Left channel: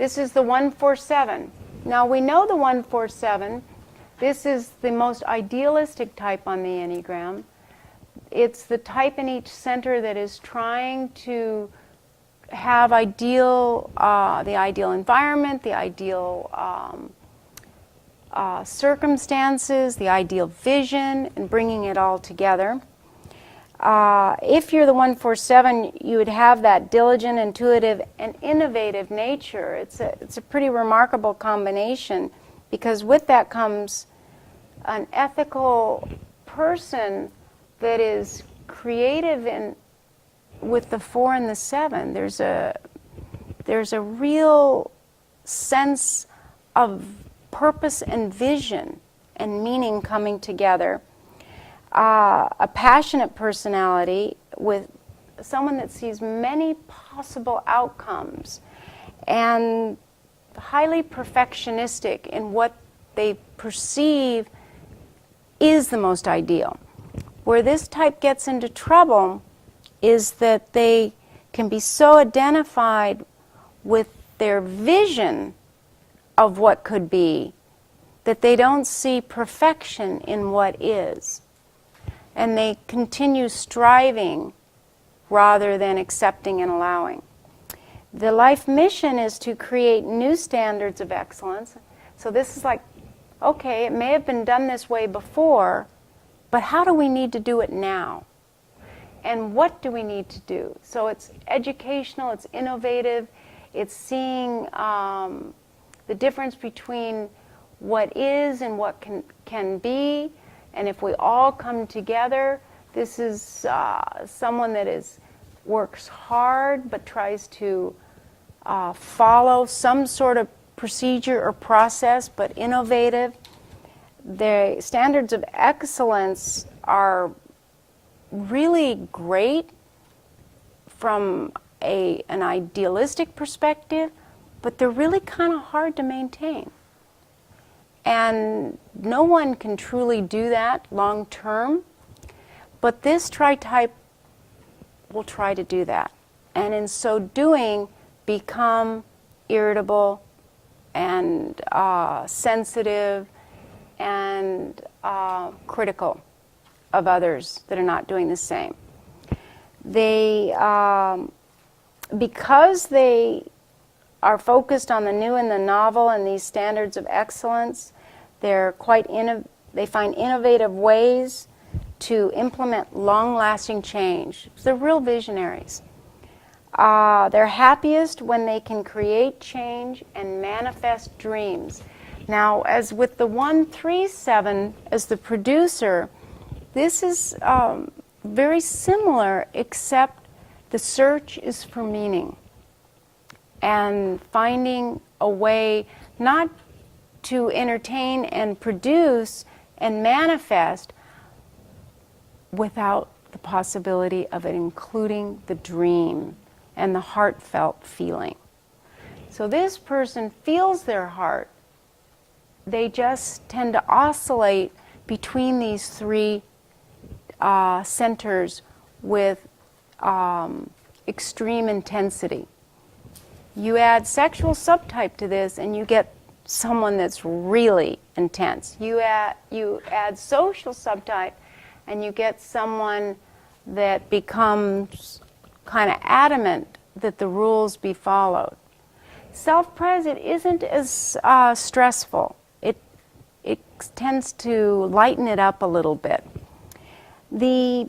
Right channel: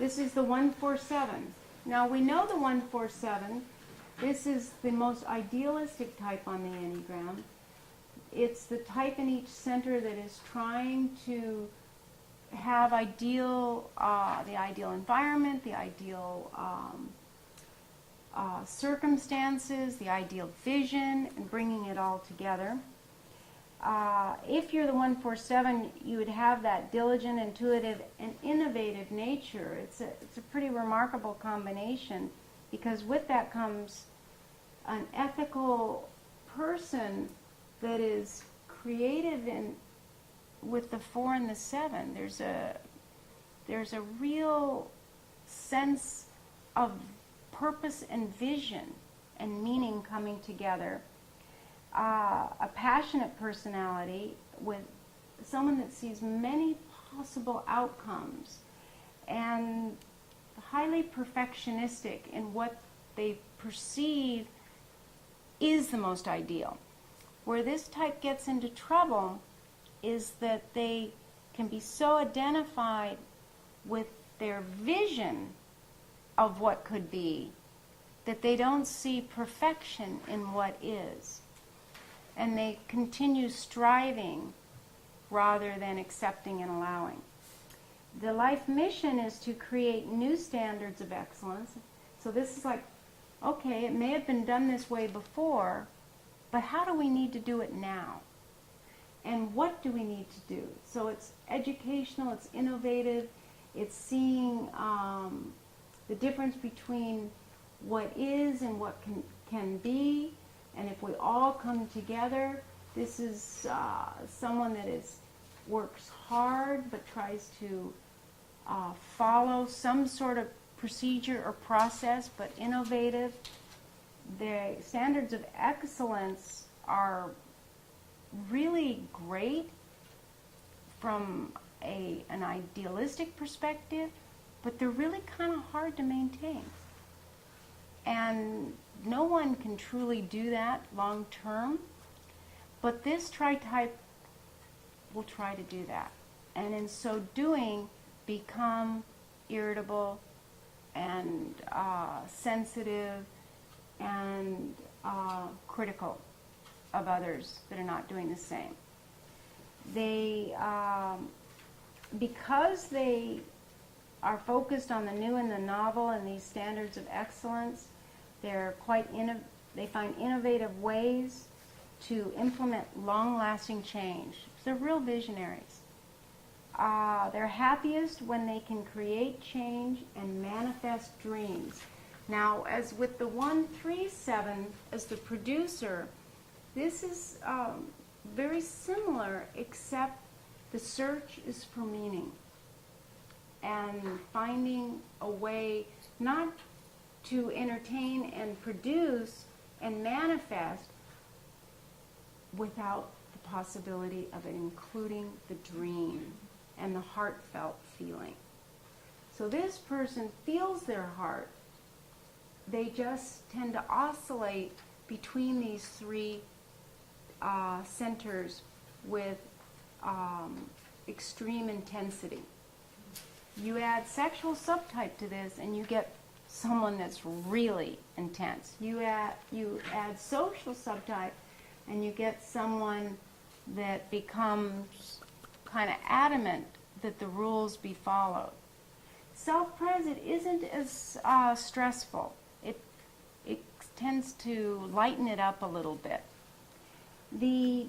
This is the 147. Now we know the 147. This is the most idealistic type on the Enneagram. It's the type in each center that is trying to have the ideal environment, the ideal circumstances, the ideal vision, and bringing it all together. If you're the 147, you would have that diligent, intuitive, and innovative nature. It's a pretty remarkable combination, because with that comes an ethical person that is creative with the 4 and the 7. There's a real sense of purpose and vision and meaning coming together. A passionate personality with someone that sees many possible outcomes, and highly perfectionistic in what they perceive is the most ideal. Where this type gets into trouble is that they can be so identified with their vision of what could be that they don't see perfection in what is. And they continue striving rather than accepting and allowing. The life mission is to create new standards of excellence. So this is like, okay, it may have been done this way before, but how do we need to do it now? And what do we need to do? So it's educational, it's innovative, it's seeing the difference between what is and what can be. And if we all come together, this is someone that works hard but tries to follow some sort of procedure or process, but innovative. The standards of excellence are really great from an idealistic perspective, but they're really kind of hard to maintain. And no one can truly do that long term, but this Tritype will try to do that. And in so doing, become irritable and sensitive and critical of others that are not doing the same. They, because they are focused on the new and the novel and these standards of excellence, they find innovative ways to implement long-lasting change. They're real visionaries. They're happiest when they can create change and manifest dreams. Now, as with the 137 as the producer, this is very similar, except the search is for meaning and finding a way not to entertain and produce and manifest without the possibility of it including the dream and the heartfelt feeling. So this person feels their heart. They just tend to oscillate between these three centers with extreme intensity. You add sexual subtype to this and you get someone that's really intense. You add social subtype and you get someone that becomes kind of adamant that the rules be followed. Self-present isn't as stressful. It tends to lighten it up a little bit. The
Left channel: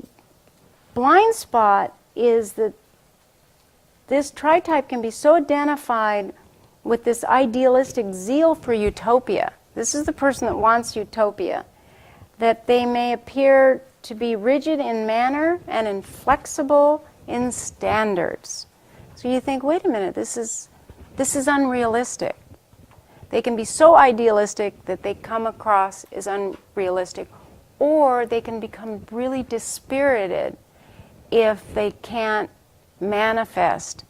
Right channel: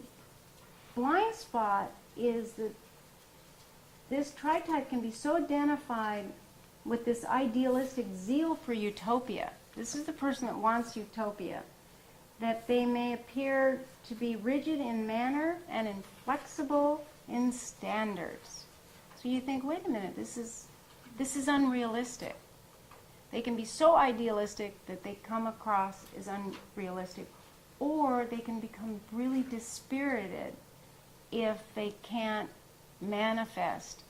blind spot is that this Tritype can be so identified with this idealistic zeal for utopia. This is the person that wants utopia, that they may appear to be rigid in manner and inflexible in standards. So you think, wait a minute, this is unrealistic. They can be so idealistic that they come across as unrealistic, or they can become really dispirited if they can't manifest,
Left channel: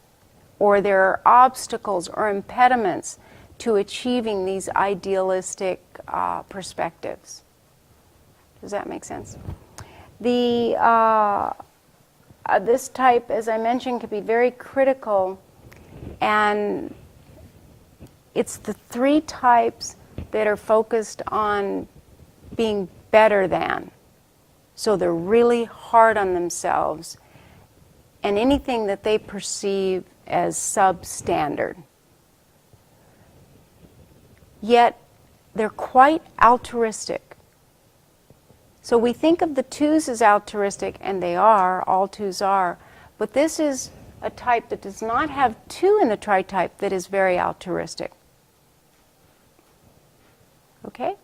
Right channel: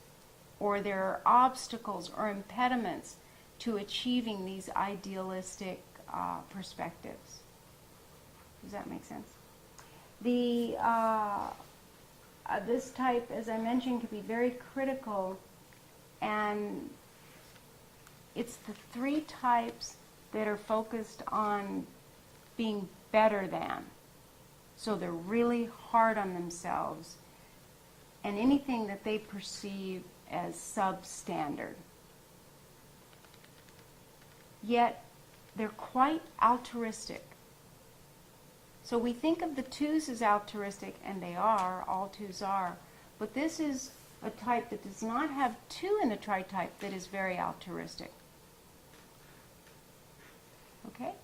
or there are obstacles or impediments to achieving these idealistic perspectives. Does that make sense? This type, as I mentioned, can be very critical and it's the 3 types that are focused on being better than. So they're really hard on themselves and anything that they perceive as substandard. Yet they're quite altruistic. So we think of the 2s as altruistic, and they are, all 2s are, but this is a type that does not have 2 in the tritype that is very altruistic. Okay?